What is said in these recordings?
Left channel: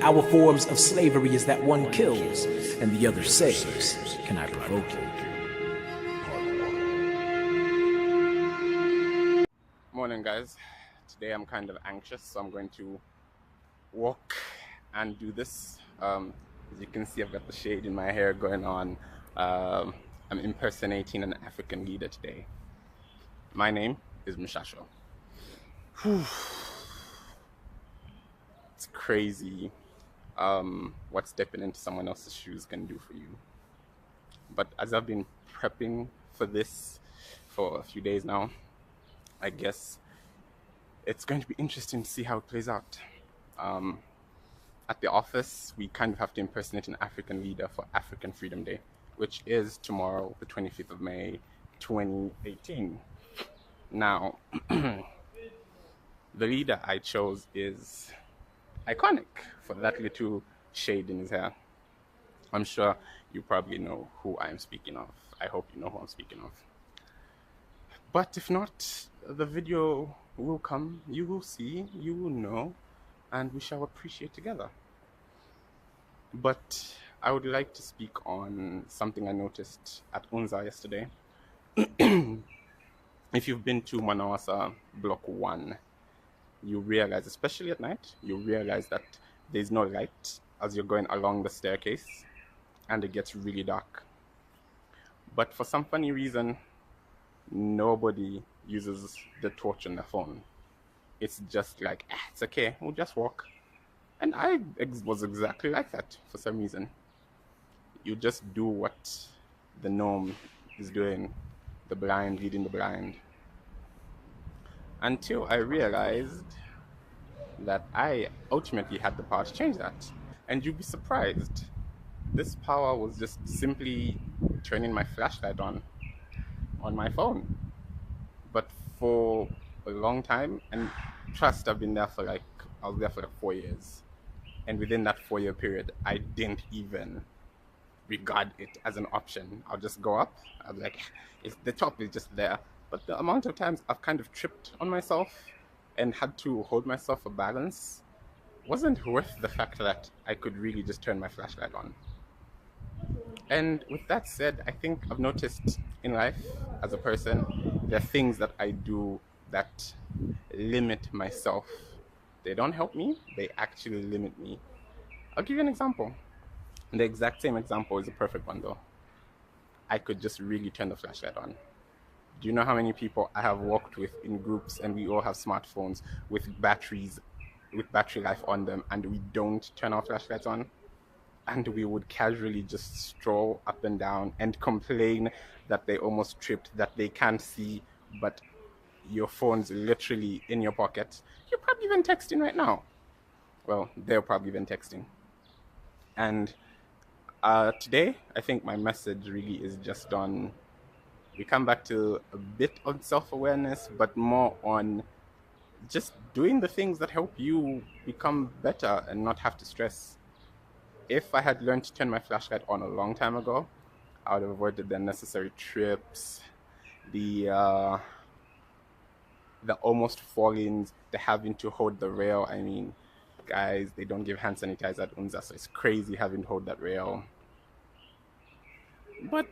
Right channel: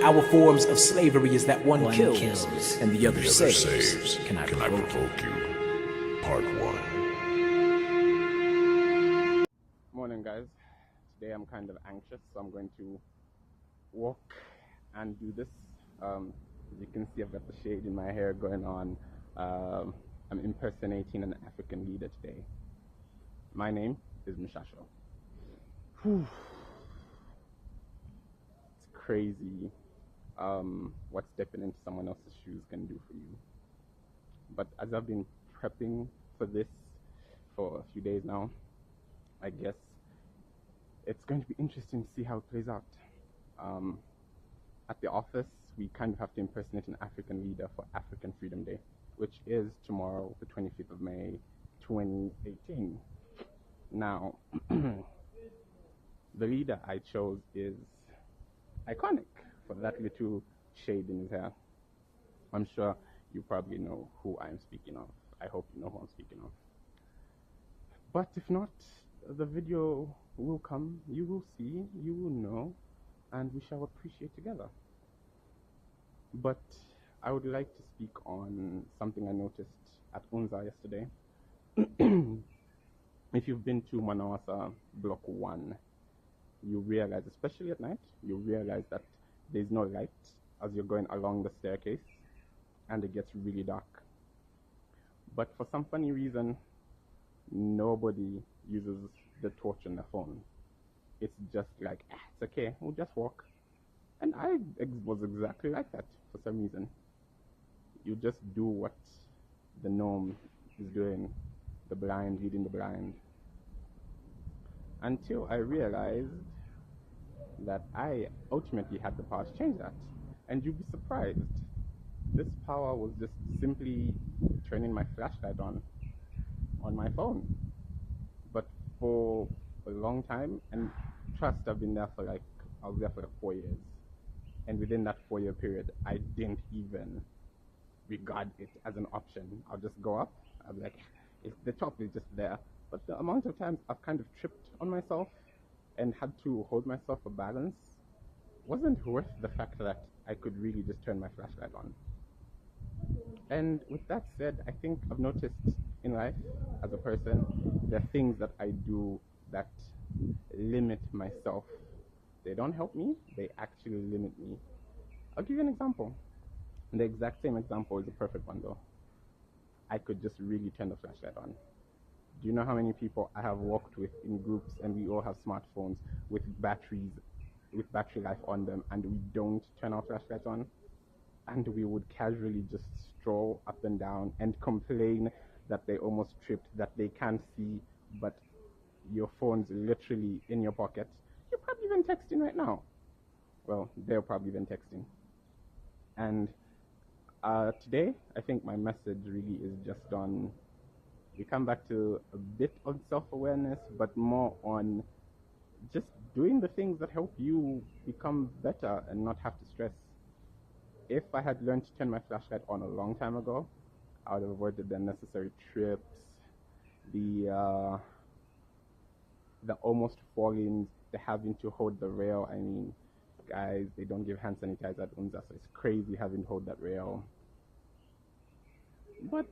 Our forms of slavery is that one kills and the other saves. Can I provoke you? Part 1. Morning, guys. Today I'm kind of anxious, so I'm going to walk and do this. As you can see, I've got the shade in my hair going on. I'm impersonating an African leader today. My name is Mshasho. It's crazy what stepping into someone else's shoes can do for you. But as I've been prepping for this for a few days now, I guess it's going to be interesting to see how it plays out. At the office, we kind of have to impersonate an African leader for African Freedom Day, which is tomorrow, the 25th of May, 2018. Now, the leader I chose is iconic for that little shade in his hair. I'm sure you probably know who I'm speaking of. I hope you know who I'm speaking of. But if not, the video will come, you will see, you will know, and we shall appreciate together. But I would like to speak on something I noticed at Unza yesterday. If you've been to Manawasa Block 1, you realize, especially at night, you realize that there's no light as you're going along the staircase and it gets really dark. But for some funny reason, nobody uses the torch on their phone. It's just like, it's okay, we'll just walk. And I was exactly like that for some reason. You just do what the norm is doing, the blind leading the blind. Until I realized that I ultimately had the power to change that. And you'd be surprised. This power was just simply turning my flashlight on my phone. But for a long time, and trust, I've been there for I was there for 4 years. And within that 4-year period, I didn't even regard it as an option. I'll just go up. I was like, the top is just there. But the amount of times I've kind of tripped on myself and had to hold myself for balance wasn't worth the fact that I could really just turn my flashlight on. And with that said, I think I've noticed in life as a person, there are things that I do that limit myself. They don't help me, they actually limit me. I'll give you an example. The exact same example is a perfect one though. I could just really turn the flashlight on. Do you know how many people I have walked with in groups and we all have smartphones with battery life on them and we don't turn our flashlights on? And we would casually just stroll up and down and complain that they almost tripped, that they can't see, but your phone's literally in your pocket. You're probably even texting right now. Well, they're probably even texting. And today, I think my message really is just on, we come back to a bit on self-awareness, but more on just doing the things that help you become better and not have to stress. If I had learned to turn my flashlight on a long time ago, I would have avoided the unnecessary trips, the almost fallings, the having to hold the rail. I mean, guys, they don't give hand sanitizer at Unza, so it's crazy having to hold that rail. But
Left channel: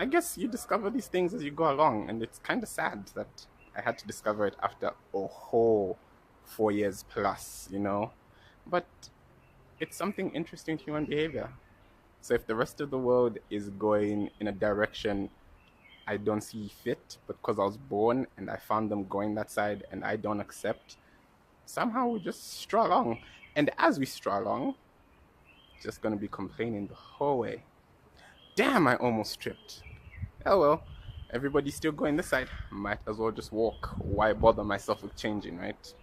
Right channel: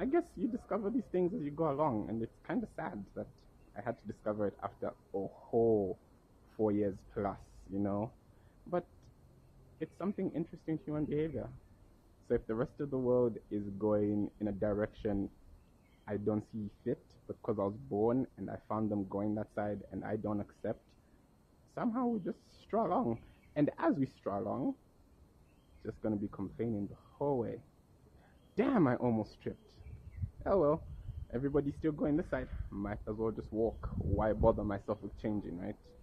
I guess you discover these things as you go along, and it's kind of sad that I had to discover it after a whole 4 years plus, you know? But it's something interesting to human behavior. So if the rest of the world is going in a direction I don't see fit, but because I was born and I found them going that side and I don't accept, somehow we just stroll along. And as we stroll along, just gonna be complaining the whole way. Damn, I almost tripped. Oh well, everybody's still going this side. Might as well just walk. Why bother myself with changing, right?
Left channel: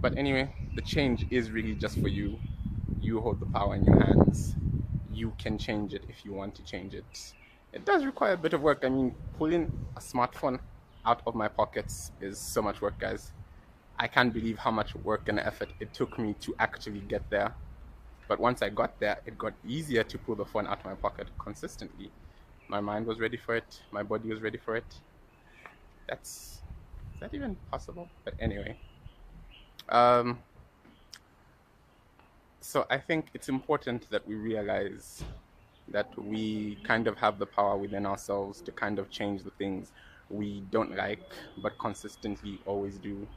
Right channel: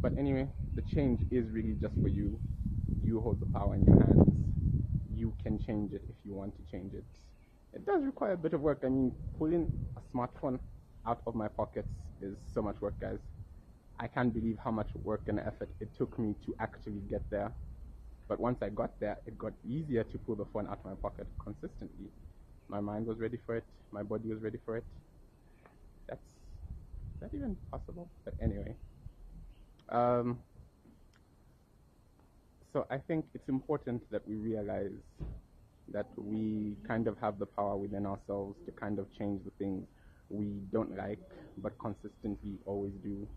But anyway, the change is really just for you. You hold the power in your hands. You can change it if you want to change it. It does require a bit of work. I mean, pulling a smartphone out of my pockets is so much work, guys. I can't believe how much work and effort it took me to actually get there. But once I got there, it got easier to pull the phone out of my pocket consistently. My mind was ready for it. My body was ready for it. Is that even possible? But anyway. So I think it's important that we realize that we kind of have the power within ourselves to kind of change the things we don't like, but consistently always do.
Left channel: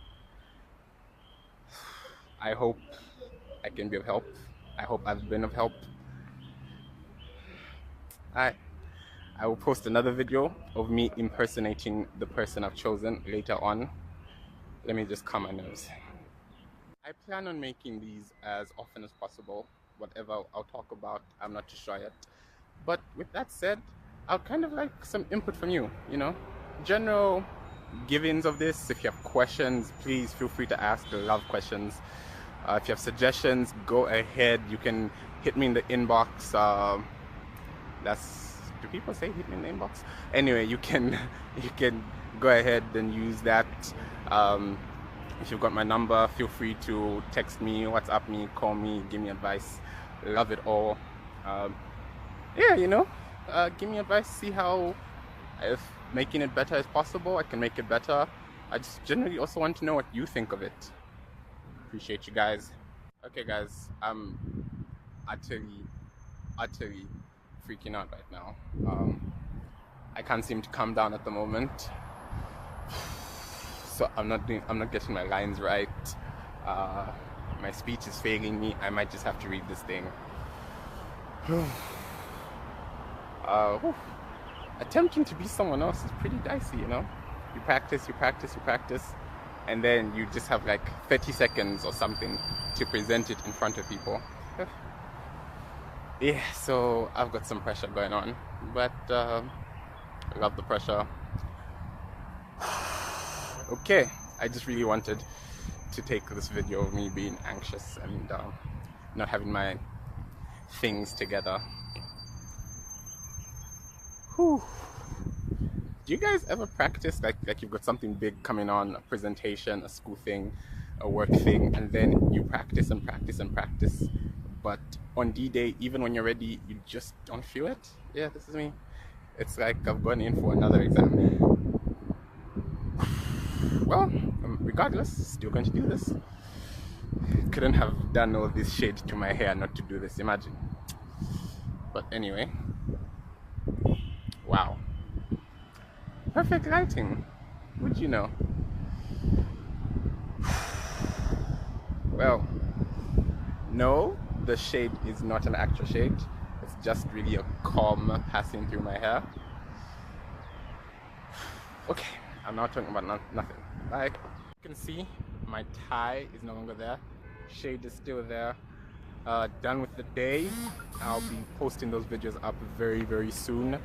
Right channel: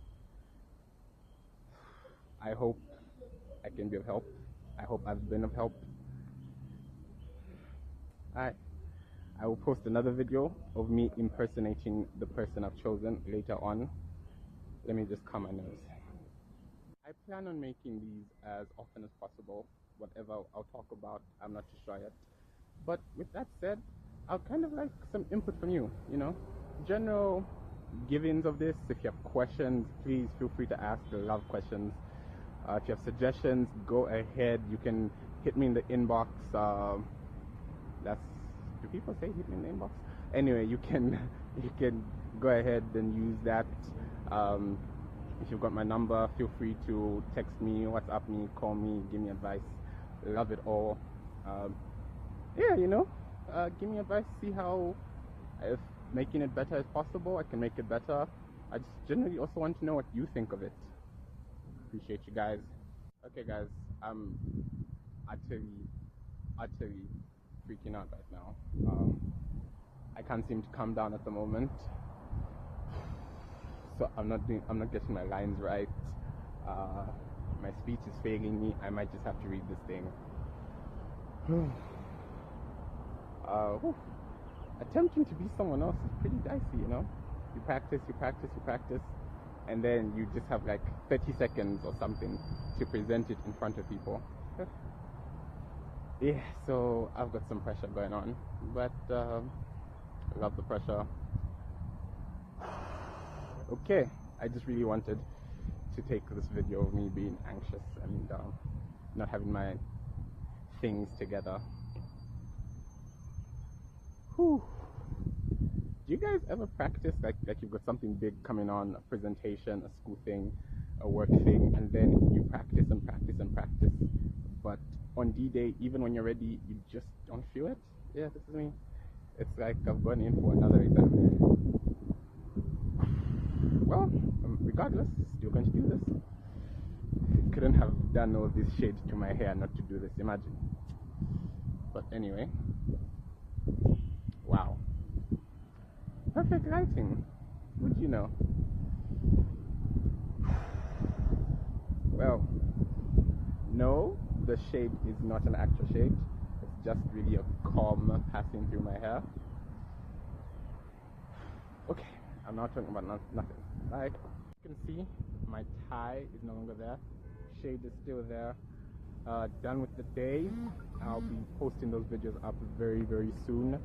I hope I can be of help. I hope I've been of help. I I will post another video of me impersonating the person I've chosen later on. Let me just calm my nerves. I plan on making these as often as possible. Whatever I'll talk about, I'm not too sure yet. But with that said, I'd kind of like some input from you, general givings of this. If you have questions, please feel free to ask. I love questions. If you have suggestions, go ahead. You can hit me in the inbox. Do people say hit me in the inbox? Anyway, you can go ahead and use that. If you've got my number, feel free to text me, WhatsApp me, call me, give me advice. Love it all. Yeah, give me advice, see how, if making it better is possible, I can make it better. I just generally also want to know what you think of it. Appreciate you guys. Okay guys, I'm utterly freaking out right now. I can't seem to calm down at the moment. So I'm not getting my lines right. My speech is failing me. I might just have to read this thing. Attempting to be someone else is pretty dicey, You practice, and then you just have like 30 seconds or something to present it in front of people. Yeah, so I've got some pressure going on, but I love the pressure. Okay, I just really wanted to take this video of me being anxious and not having my things together. Whew. Do you guys ever practice like you've got something big coming on, a presentation, a school thing, a work thing, and then you practice and practice and practice, but on D-Day, even when you're ready, you just don't feel it? Yeah, this is me. It's like I've gone in for another exam. Well, regardless, still going to do this. Couldn't have done all this shade to my hair not to do this, imagine. But anyway, wow. Perfect lighting, would you know? Well, no, the shade is not an actual shade. It's just really a comb passing through my hair. Okay, I'm not talking about nothing. Like you can see, my tie is no longer there. Shade is still there. Done with the day. I'll be posting those videos up very, very soon.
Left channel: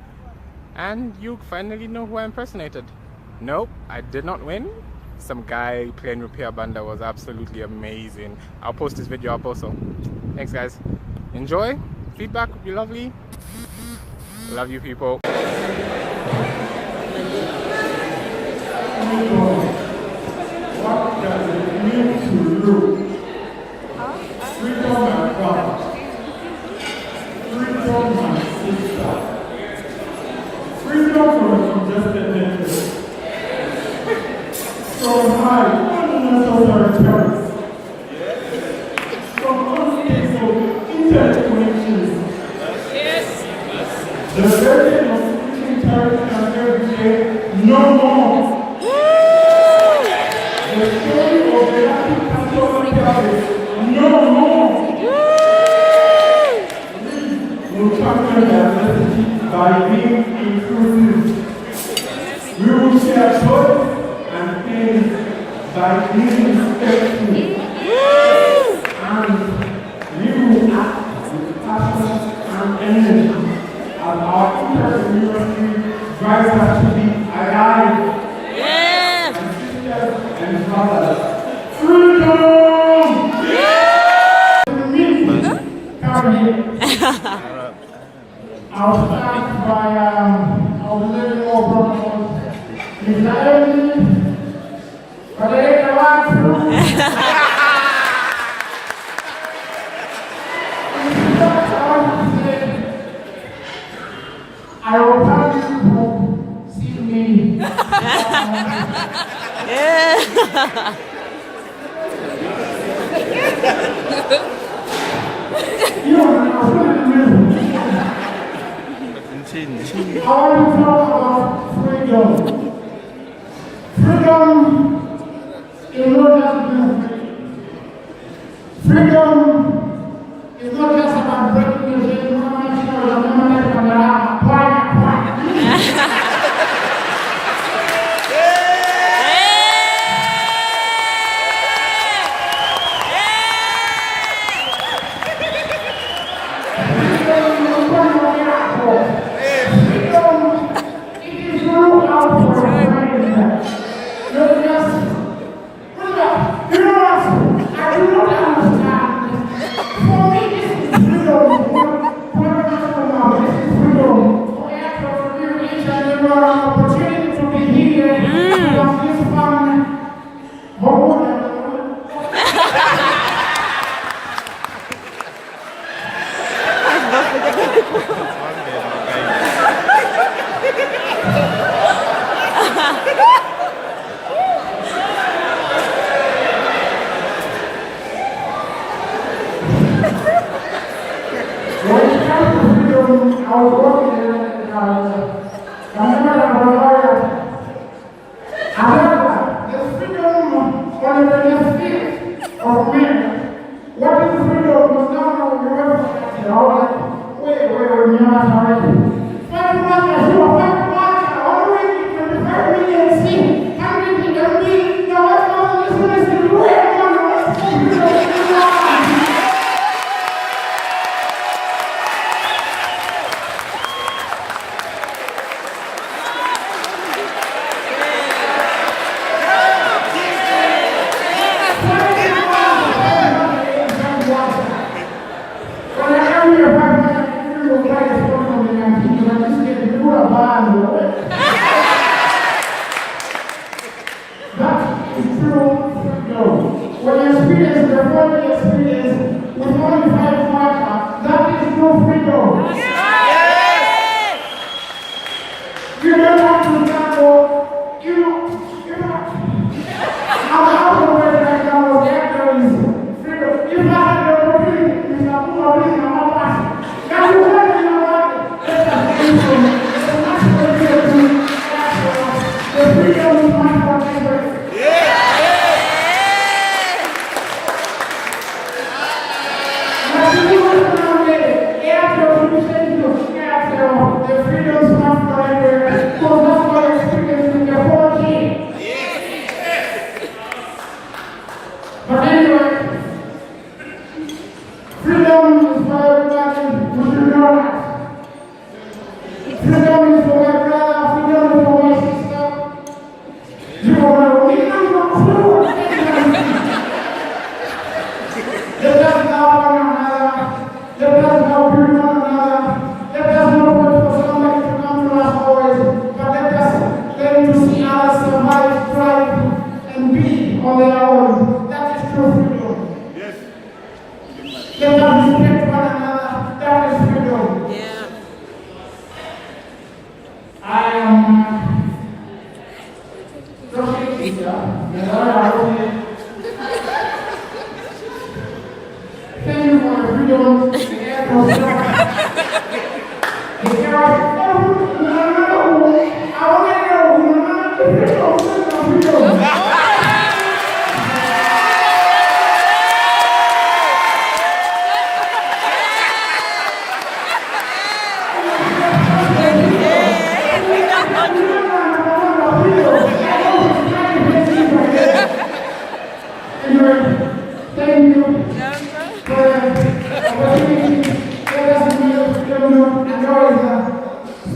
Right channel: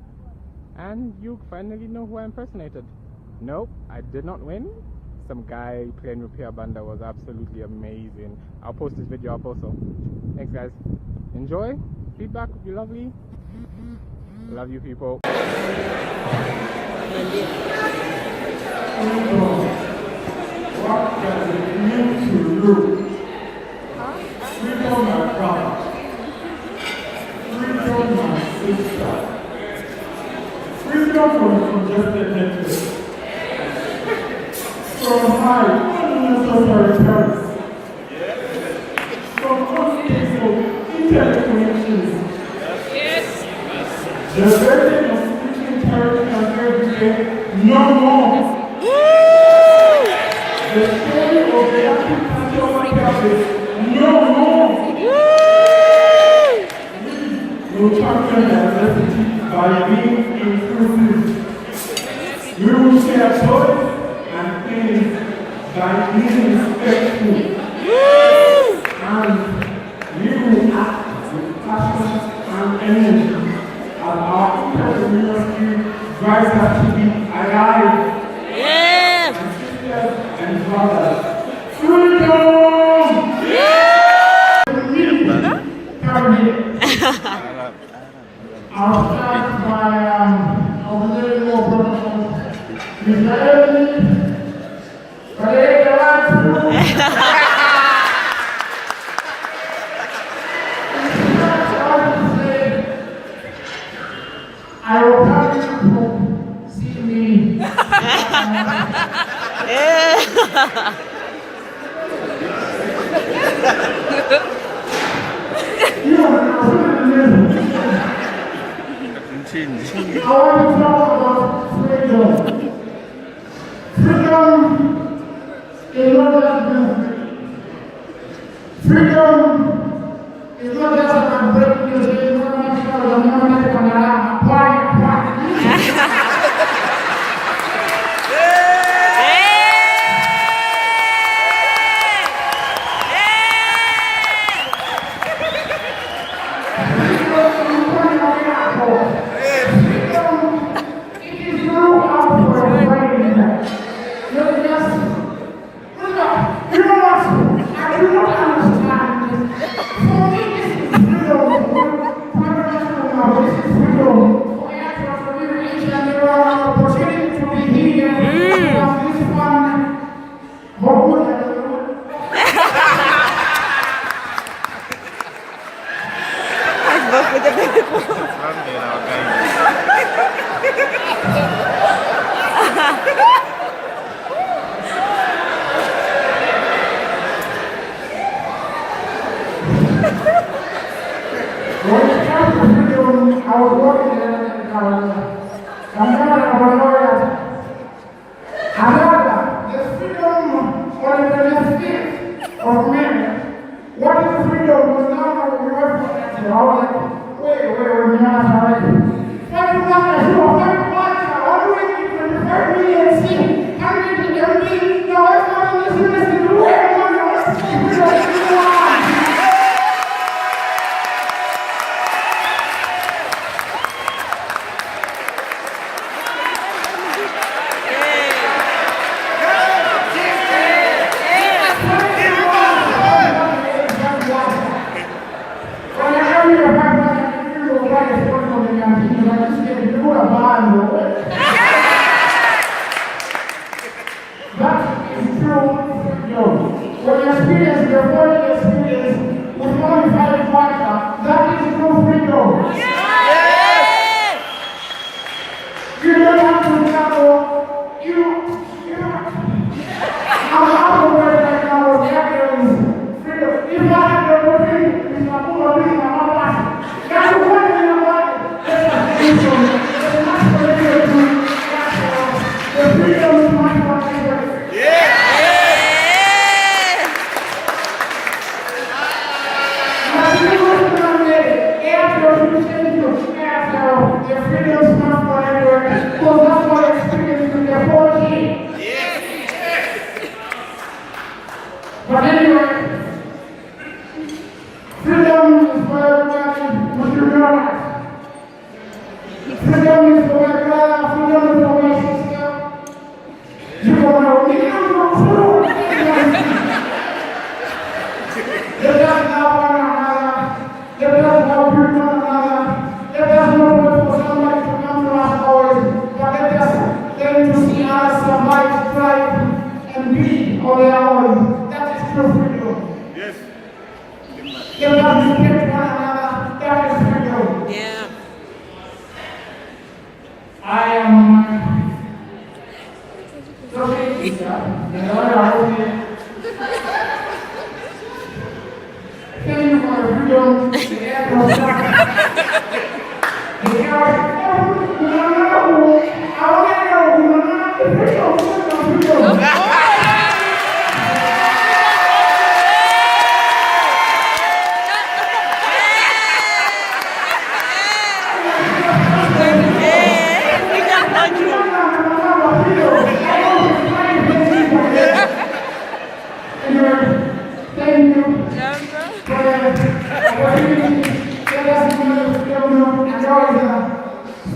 And you finally know who I impersonated. Nope, I did not win. Some guy playing Repair Banda was absolutely amazing. I'll post this video up also. Thanks guys. Enjoy. Feedback would be lovely. Love you people. What does it mean to you? Freedom and God. Freedom and sister. Freedom from injustice. From high, unnecessary terms. From unstable, interconnections. The burden of speaking terrorist and every day, no more. The story of the active pastor tells no more. We will champion diversity by being inclusive. We will share joy and pain by being respectful. And we will act with passion and energy as our intercommunity drives us to be alive. And brothers, freedom! Yeah! I'll start by our little brother, I will have you see me. change. I want to talk about freedom. Freedom is not just music. Freedom is not just about breaking the chain, not much of the moment when there are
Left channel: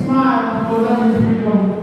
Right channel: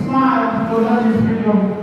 smile for that freedom.